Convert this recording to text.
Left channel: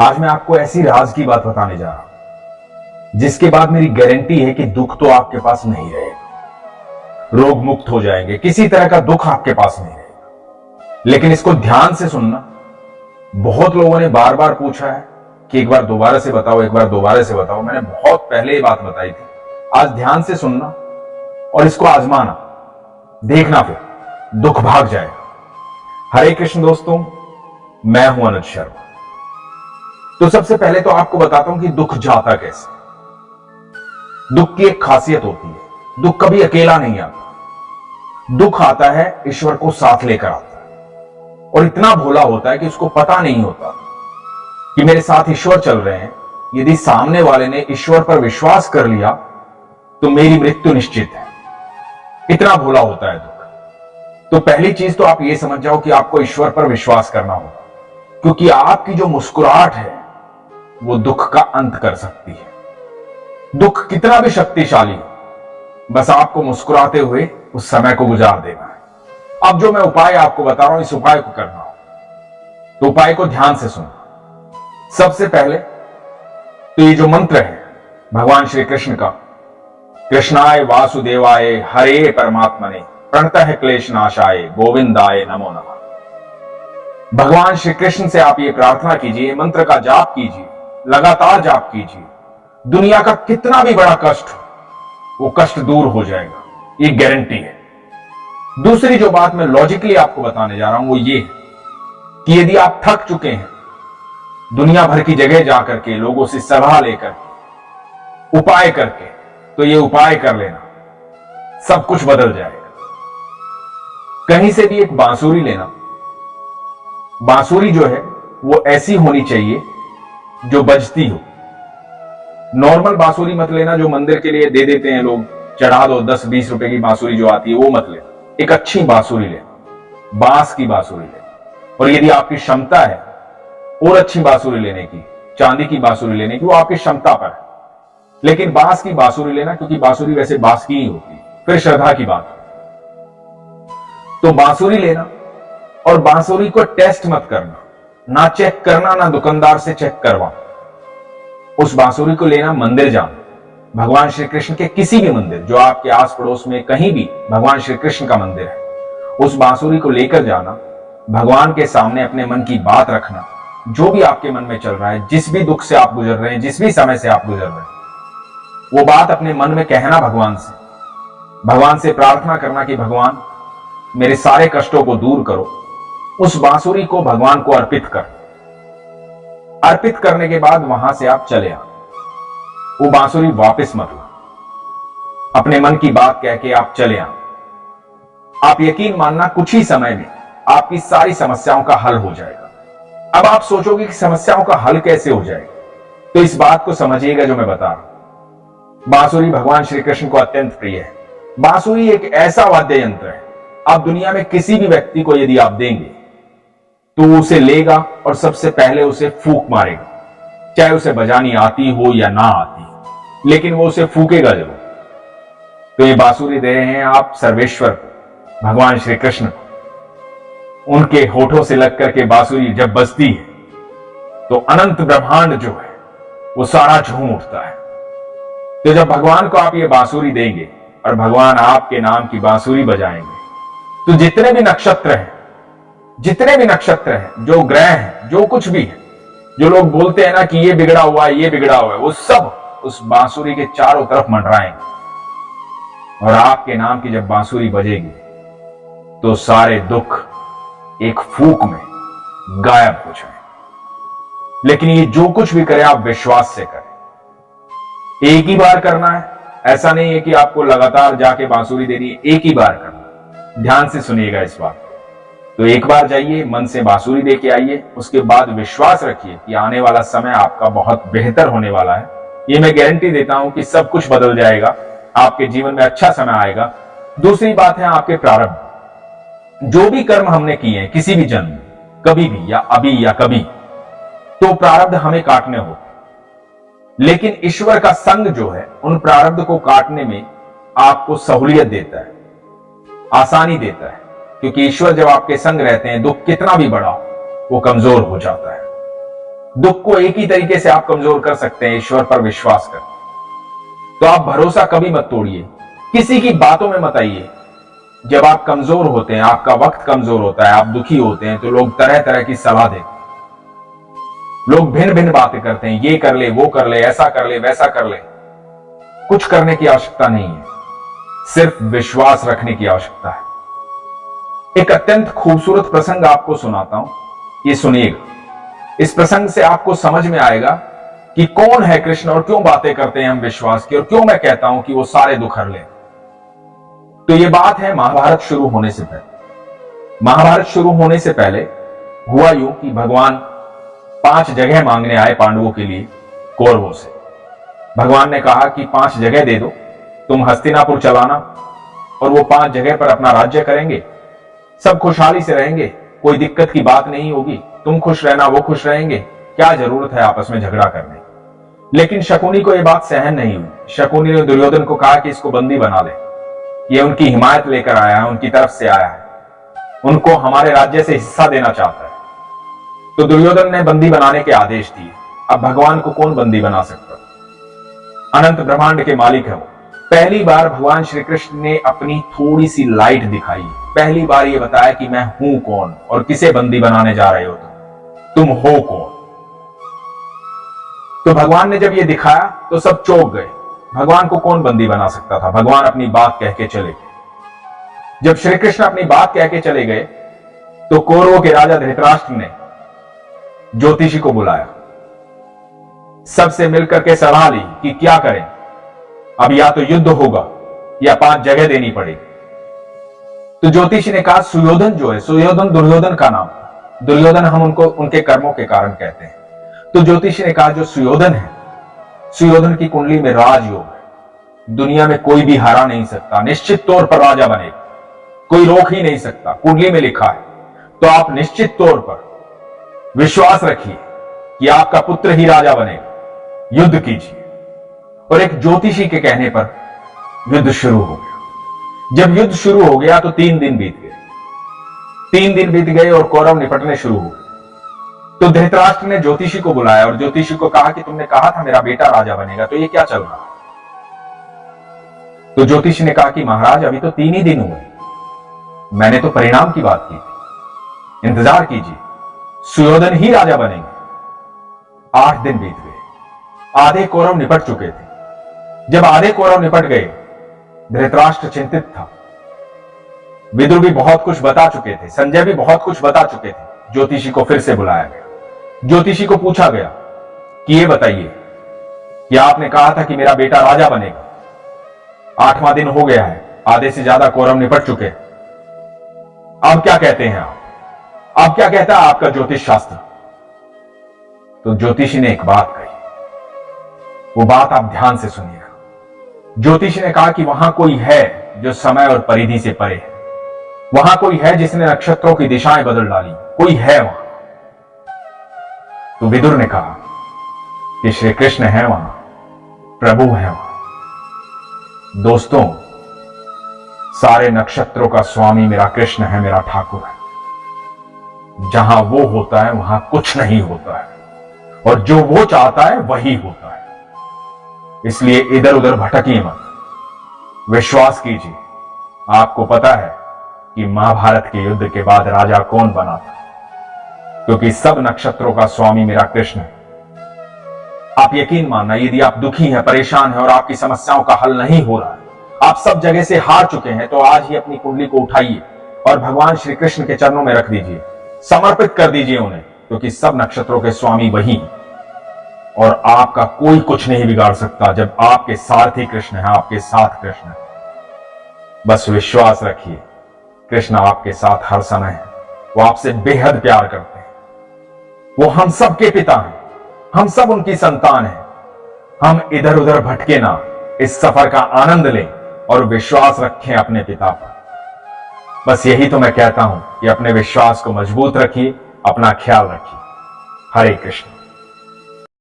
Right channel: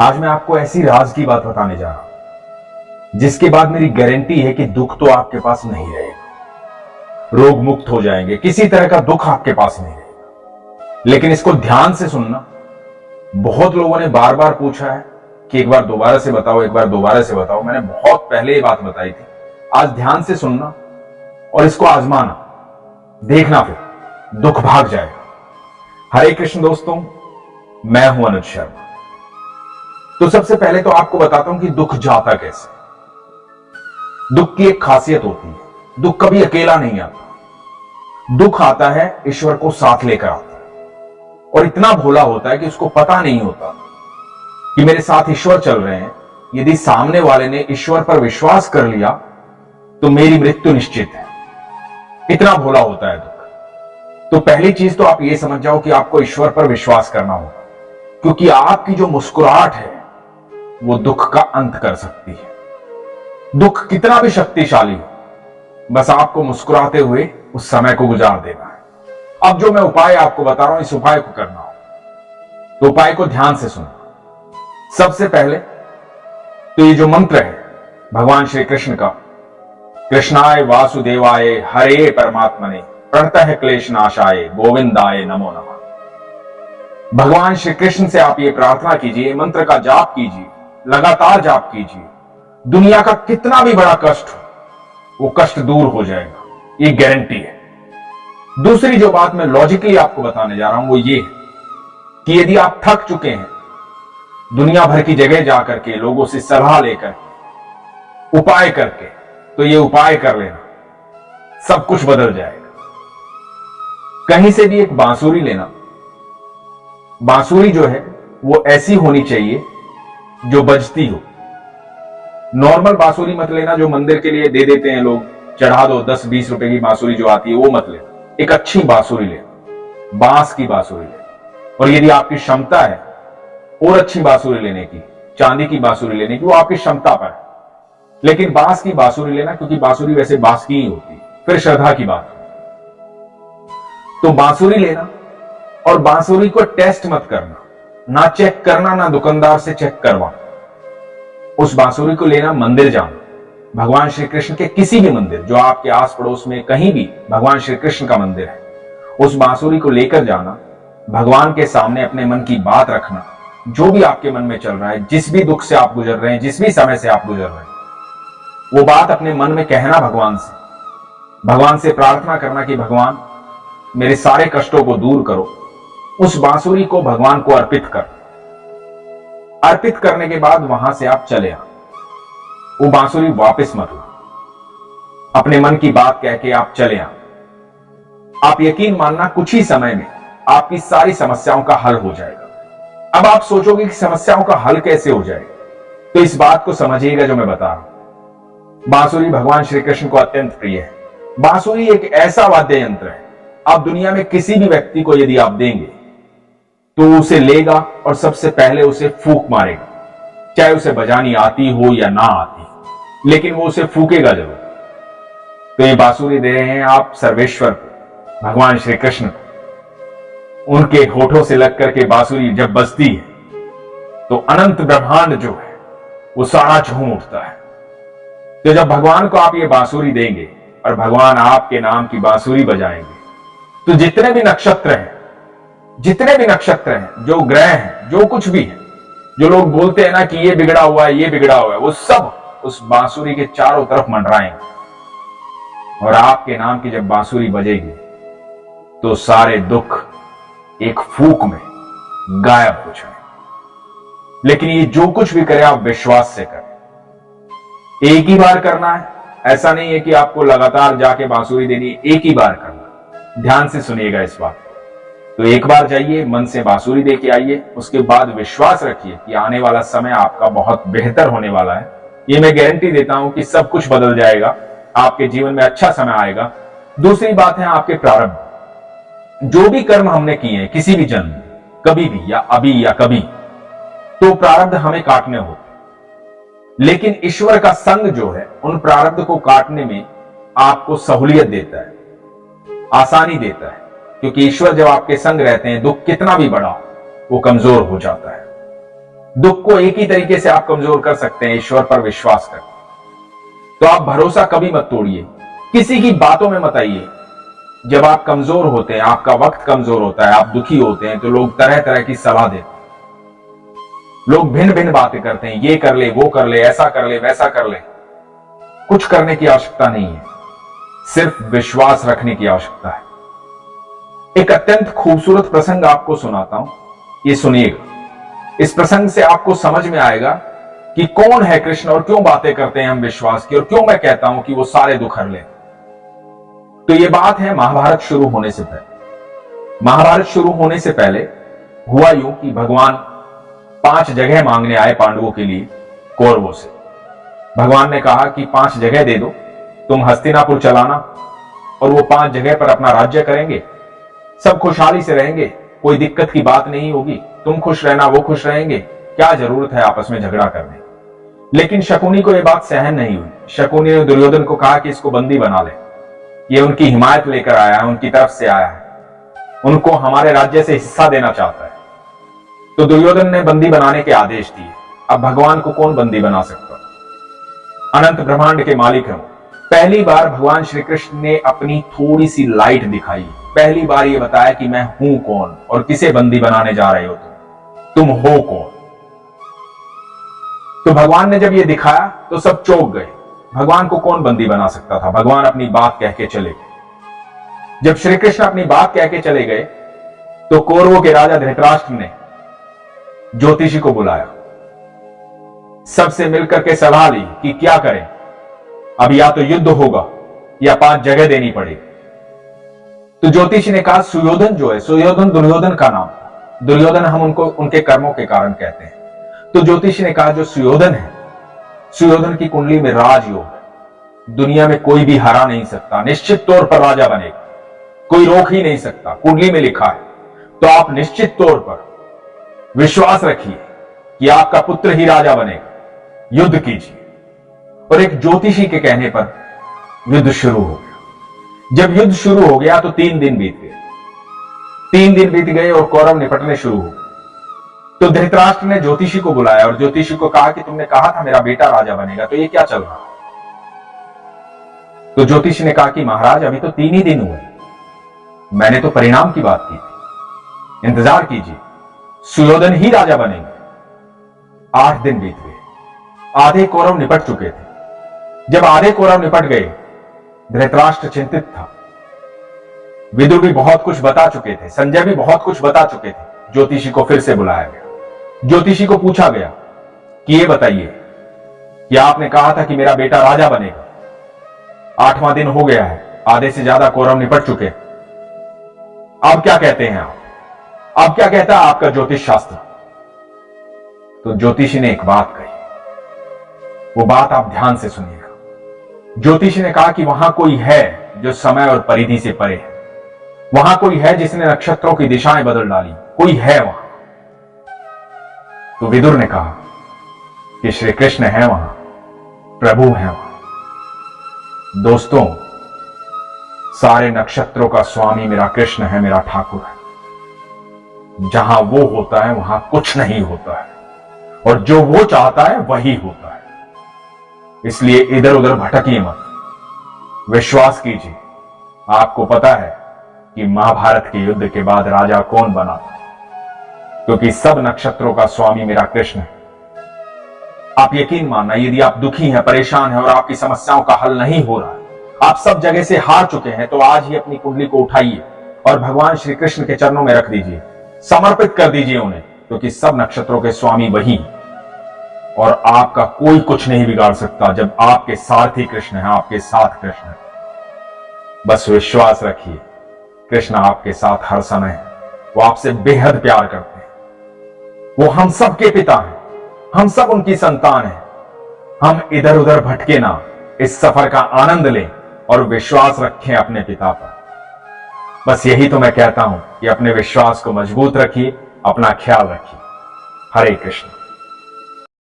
आज मैं आपको ऐसी राज की बात बताने जा रहा हूं जिसके बाद मेरी गारंटी है कि दुख तो आपके पास नहीं रहेगा, रोग मुक्त हो जाएंगे, किसी तरह का दुख आपके पास नहीं रहेगा। लेकिन इसको ध्यान से सुनना। बहुत लोगों ने बार बार पूछा है कि एक बार दोबारा से बताओ, एक बार दोबारा से बताओ। मैंने बहुत पहले ये बात बताई थी। आज ध्यान से सुनना और इसको आजमाना, देखना, फिर दुख भाग जाएगा। हरे कृष्ण दोस्तों, मैं हूं अनुज शर्मा। तो सबसे पहले तो आपको बताता हूं कि दुख जाता कैसे। दुख की एक खासियत होती है, दुख कभी अकेला नहीं आता। दुख आता है ईश्वर को साथ लेकर आता है, और इतना भोला होता है कि उसको पता नहीं होता कि मेरे साथ ईश्वर चल रहे हैं। यदि सामने वाले ने ईश्वर पर विश्वास कर लिया तो मेरी मृत्यु निश्चित है। इतना भोला होता है दुख। तो पहली चीज तो आप यह समझ जाओ कि आपको ईश्वर पर विश्वास करना होगा, क्योंकि आपकी जो मुस्कुराहट है वो दुख का अंत कर सकती है। दुख कितना भी शक्तिशाली हो, बस आपको मुस्कुराते हुए उस समय को गुजार देना है। अब जो मैं उपाय आपको बता रहा हूं, इस उपाय को करना हो तो उपाय को ध्यान से सुनो। सबसे पहले तो ये जो मंत्र है भगवान श्री कृष्ण का, कृष्णाय वासुदेवाय हरे परमात्मने प्रणतः क्लेश नाशाय गोविंदाय नमो नमः। भगवान श्री कृष्ण से आप ये प्रार्थना कीजिए, मंत्र का जाप कीजिए, लगातार जाप कीजिए। दुनिया का कितना भी बड़ा कष्ट हो, वो कष्ट दूर हो जाएगा, ये गारंटी है। दूसरी जो बात मैं लॉजिकली आपको बताने जा रहा हूं वो ये है कि यदि आप थक चुके हैं दुनिया भर की जगह जाकर के, लोगों से सलाह लेकर, उपाय करके, तो ये उपाय कर लेना, सब कुछ बदल जाएगा। कहीं से भी एक बांसुरी लेना। बांसुरी जो है वो ऐसी होनी चाहिए जो बजती हो। नॉर्मल बांसुरी मत लेना जो मंदिर के लिए दे देते हैं लोग, चढ़ा दो 10-20 रुपए की बांसुरी जो आती है, वो मत लेना। एक अच्छी बांसुरी लेना, बांस की बांसुरी लेना। और यदि आपकी क्षमता है और अच्छी बांसुरी लेने की, चांदी की बांसुरी लेने की, वो आपकी क्षमता पर है, लेकिन बांस की बांसुरी लेना, क्योंकि बांसुरी वैसे बांस की ही होती है। फिर श्रद्धा की बात है। तो बांसुरी लेना और बांसुरी को टेस्ट मत करना, ना चेक करना, ना दुकानदार से चेक करवाना। उस बांसुरी को लेना, मंदिर जाना, भगवान श्री कृष्ण के किसी भी मंदिर जो आपके आस पड़ोस में कहीं भी भगवान श्री कृष्ण का मंदिर है, उस बांसुरी को लेकर जाना, भगवान के सामने अपने मन की बात रखना, जो भी आपके मन में चल रहा है, जिस भी दुख से आप गुजर रहे हैं, जिस भी समय से आप गुजर रहे हैं, वो बात अपने मन में कहना भगवान से प्रार्थना करना कि भगवान मेरे सारे कष्टों को दूर करो। उस बांसुरी को भगवान को अर्पित करने के बाद वहां से आप चले आ, वो बांसुरी वापस मत ला। अपने मन की बात कह के आप चले आ। आप यकीन मानना, कुछ ही समय में आपकी सारी समस्याओं का हल हो जाएगा। अब आप सोचोगे कि समस्याओं का हल कैसे हो जाएगा, तो इस बात को समझिएगा जो मैं बता रहा हूं। बांसुरी भगवान श्री कृष्ण को अत्यंत प्रिय है। बांसुरी एक ऐसा वाद्य यंत्र है, आप दुनिया में किसी भी व्यक्ति को यदि आप देंगे तो उसे लेगा और सबसे पहले उसे फूंक मारेगा, चाहे उसे बजानी आती हो या ना आती, लेकिन वो उसे फूकेगा जरूर। तो ये बांसुरी दे रहे हैं आप सर्वेश्वर को, भगवान श्री कृष्ण को। उनके होठों से लग करके बांसुरी जब बजती है तो अनंत ब्रह्मांड जो है वो सारा झूम उठता है। तो जब भगवान को आप ये बांसुरी देंगे और भगवान आपके नाम की बांसुरी बजाएंगे, तो जितने भी नक्षत्र हैं, जो ग्रह हैं, जो कुछ भी है, जो लोग बोलते हैं ना कि ये बिगड़ा हुआ है, ये बिगड़ा हुआ है, वो सब उस बांसुरी के चारों तरफ मंडराएंगे। और आपके नाम की जब बांसुरी बजेगी तो सारे दुख एक फूंक में गायब हो जाए। लेकिन ये जो कुछ भी करे आप विश्वास से करें। एक ही बार करना है, ऐसा नहीं है कि आपको लगातार जाके बांसुरी देनी है, एक ही बार करना। ध्यान से सुनिएगा इस बात। तो एक बार जाइए, मन से बांसुरी दे के आइए, उसके बाद विश्वास रखिए कि आने वाला समय आपका बहुत बेहतर होने वाला है। ये मैं गारंटी देता हूं कि सब कुछ बदल जाएगा, आपके जीवन में अच्छा समय आएगा। दूसरी बात है आपके प्रारब्ध। जो भी कर्म हमने किए हैं किसी भी जन्म, कभी भी या अभी या कभी, तो प्रारब्ध हमें काटने होते, लेकिन ईश्वर का संग जो है उन प्रारब्ध को काटने में आपको सहूलियत देता है, आसानी देता है। क्योंकि ईश्वर जब आपके संग रहते हैं, दुख कितना भी बड़ा वो कमजोर हो जाता है। दुख को एक ही तरीके से आप कमजोर कर सकते हैं, ईश्वर पर विश्वास कर। तो आप भरोसा कभी मत तोड़िए, किसी की बातों में मत आइए। जब आप कमजोर होते हैं, आपका वक्त कमजोर होता है, आप दुखी होते हैं, तो लोग तरह तरह की सलाह देते हैं, लोग भिन्न भिन्न बातें करते हैं, ये कर ले, वो कर ले, ऐसा कर ले, वैसा कर ले। कुछ करने की आवश्यकता नहीं है, सिर्फ विश्वास रखने की आवश्यकता है। एक अत्यंत खूबसूरत प्रसंग आपको सुनाता हूं, ये सुनिएगा। इस प्रसंग से आपको समझ में आएगा कि कौन है कृष्ण और क्यों बातें करते हैं हम विश्वास की, और क्यों मैं कहता हूं कि वो सारे दुख हर ले। तो ये बात है महाभारत शुरू होने से पहले। महाभारत शुरू होने से पहले हुआ यूं कि भगवान 5 जगह मांगने आए पांडवों के लिए कौरवों से। भगवान ने कहा कि 5 जगह दे दो, तुम हस्तिनापुर चलाना, और वो 5 जगह पर अपना राज्य करेंगे, सब खुशहाली से रहेंगे, कोई दिक्कत की बात नहीं होगी, तुम खुश रहना, वो खुश रहेंगे, क्या जरूरत है आपस में झगड़ा करने। लेकिन शकुनी को यह बात सहन नहीं हुई। शकुनी ने दुर्योधन को कहा कि इसको बंदी बना ले, ये उनकी हिमायत लेकर आया है, उनकी तरफ से आया है, उनको हमारे राज्य से हिस्सा देना चाहता है। तो दुर्योधन ने बंदी बनाने के आदेश दिए। अब भगवान को कौन बंदी बना सकता? अनंत ब्रह्मांड के मालिक हैं वो। पहली बार भगवान श्री कृष्ण ने अपनी थोड़ी सी लाइट दिखाई, पहली बार ये बताया कि मैं हूं कौन और किसे बंदी बनाने जा रहे हो तुम हो कौन। तो भगवान ने जब ये दिखाया तो सब चौंक गए, भगवान को कौन बंदी बना सकता था। भगवान अपनी बात कह के चले गए। जब श्री कृष्ण अपनी बात कह के चले गए तो कौरवों के राजा धृतराष्ट्र ने ज्योतिषी को बुलाया, सबसे मिलकर के सलाह ली कि क्या करें, अब या तो युद्ध होगा या 5 जगह देनी पड़ेगी। तो ज्योतिषी ने कहा सुयोधन जो है, सुयोधन दुर्योधन का नाम, दुर्योधन हम उनको उनके कर्मों के कारण कहते हैं। तो ज्योतिषी ने कहा जो सुयोधन है, सुयोधन की कुंडली में राजयोग है, दुनिया में कोई भी हरा नहीं सकता, निश्चित तौर पर राजा बनेगा, कोई रोक ही नहीं सकता, कुंडली में लिखा है। तो आप निश्चित तौर पर विश्वास रखिए कि आपका पुत्र ही राजा बनेगा, युद्ध कीजिए। और एक ज्योतिषी के कहने पर युद्ध शुरू हो गया। जब युद्ध शुरू हो गया तो 3 दिन बीत गए। 3 दिन बीत गए और कौरव निपटने शुरू हो गए। तो धृतराष्ट्र ने ज्योतिषी को बुलाया और ज्योतिषी को कहा कि तुमने कहा था मेरा बेटा राजा बनेगा, तो ये क्या चल रहा है। तो ज्योतिषी ने कहा कि महाराज अभी तो 3 ही दिन हुए, मैंने तो परिणाम की बात की थी, इंतजार कीजिए, सुयोधन ही राजा बनेंगे। 8 दिन बीत गए, आधे कौरव निपट चुके थे। जब आधे कौरव निपट गए, धृतराष्ट्र चिंतित था। विदुर भी बहुत कुछ बता चुके थे, संजय भी बहुत कुछ बता चुके थे। ज्योतिषी को फिर से बुलाया गया। ज्योतिषी को पूछा गया कि ये बताइए कि आपने कहा था कि मेरा बेटा राजा बनेगा, 8वां दिन हो गया है, आधे से ज्यादा कौरव निपट चुके, अब क्या कहते हैं आप, अब क्या कहता है आपका ज्योतिष शास्त्र। तो ज्योतिषी ने एक बात कही, वो बात आप ध्यान से सुनिएगा। ज्योतिषी ने कहा कि वहां कोई है जो समय और परिधि से परे है, वहां कोई है जिसने नक्षत्रों की दिशाएं बदल डाली, कोई है वहां। तो विदुर ने कहा कि श्री कृष्ण है वहां, प्रभु है वहां। दोस्तों, सारे नक्षत्रों का स्वामी मेरा कृष्ण है, मेरा ठाकुर है। जहां वो होता है वहां कुछ नहीं होता है, और जो वो चाहता है वही होता है। इसलिए इधर उधर भटकिए मत, विश्वास कीजिए। आपको पता है कि महाभारत के युद्ध के बाद राजा कौन बना था, क्योंकि सब नक्षत्रों का स्वामी मेरा कृष्ण है। आप यकीन मानना, यदि आप दुखी हैं, परेशान हैं और आपकी समस्याओं का हल नहीं हो रहा है, आप सब जगह से हार चुके हैं, तो आज ही अपनी कुंडली को उठाइए और भगवान श्री कृष्ण के चरणों में रख दीजिए, समर्पित कर दीजिए उन्हें, क्योंकि सब नक्षत्रों के स्वामी वही हैं और आपका कोई कुछ नहीं बिगाड़ सकता जब आपके सारथी कृष्ण है, आपके साथ कृष्ण है। बस विश्वास रखिए, कृष्ण आपके साथ हर समय है, वो आपसे बेहद प्यार करते हैं, वो हम सब के पिता हैं, हम सब उनकी संतान हैं। हम इधर उधर भटके ना, इस सफर का आनंद लें और विश्वास रखें अपने पिता पर। बस यही तो मैं कहता हूं कि अपने विश्वास को मजबूत रखिए, अपना ख्याल रखिए। हरे कृष्ण।